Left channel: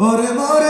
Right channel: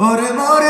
ওরে মরলে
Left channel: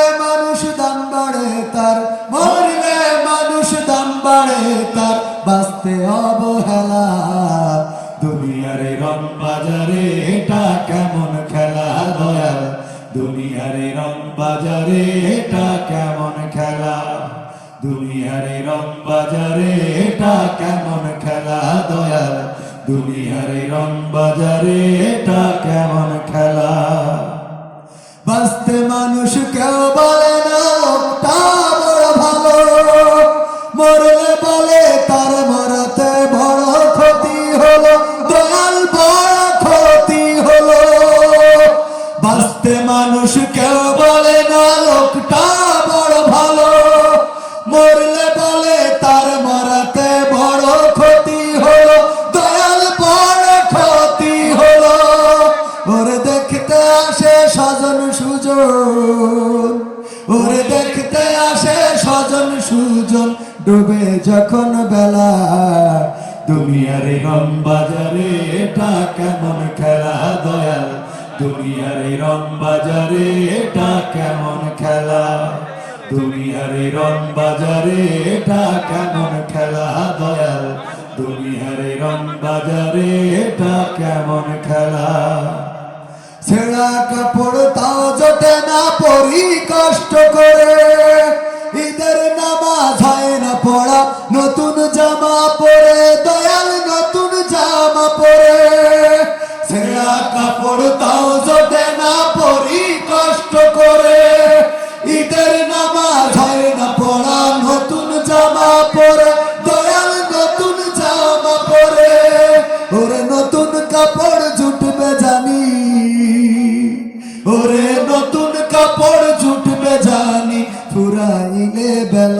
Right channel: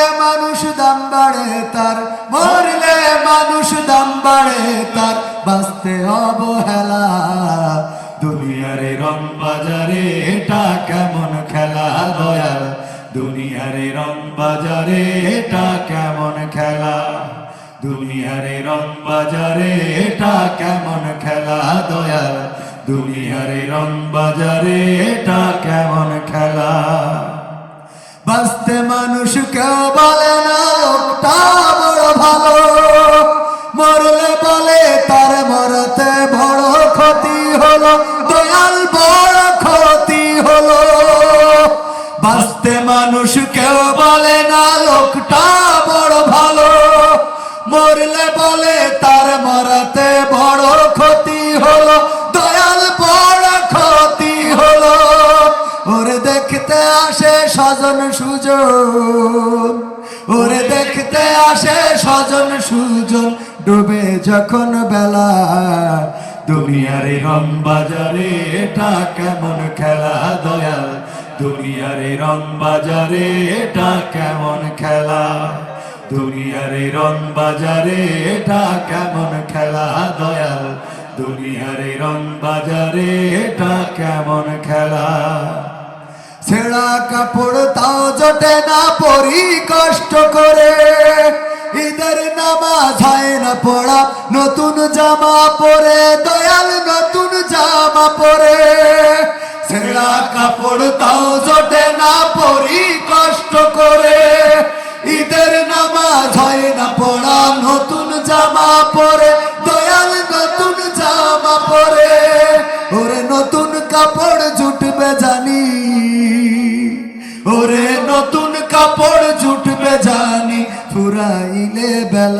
বাজারে, এটা কেমন খেলা দয়াল? দুনিয়ারে রং বাজারে, এটা কেমন খেলা? দুনিয়ারে রং বাজারে, এটা কেমন খেলা দয়াল? দুনিয়ারে রং বাজারে, এটা কেমন খেলা? বাঁচতে মানুষ কেউ বলে আসে স্বজন সুজন। ওরে দেখতে আসে স্বজন সুজন, ডুবে যখন বেলা। দুনিয়ারে রং বাজারে এটা কেমন খেলা, দয়াল? দুনিয়ারে রং বাজারে এটা কেমন খেলা? দুনিয়ারে রং বাজারে এটা কেমন খেলা, দয়াল? দুনিয়ারে রং বাজারে এটা কেমন খেলা? ছেঁড়া কাপড় তাও জোটে না, পরি কষ্ট করে। ঈদের নামাজ হয় না পড়া, নতুন জামা পরে, দয়াল নতুন জামা পরে। ছেঁড়া কাপড় তাও জোটে না, পরি কষ্ট করে।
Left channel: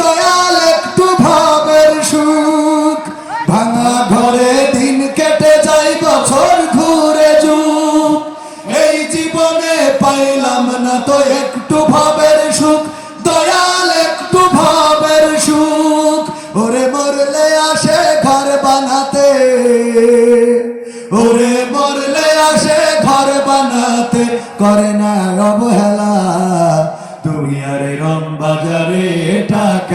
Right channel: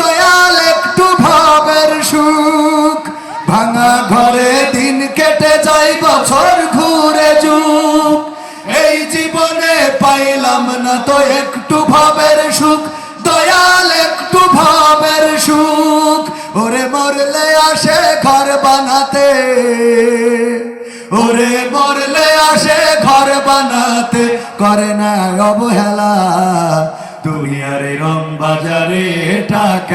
দয়াল একটু ভাবের সুখ। ভাঙা ঘরে দিন কেটে যাই বছর ঘুরে যুগ। এই জীবনে পাইলাম না তো একটু ভাবের সুখ। দয়াল একটু ভাবের সুখ। ওরে মরলে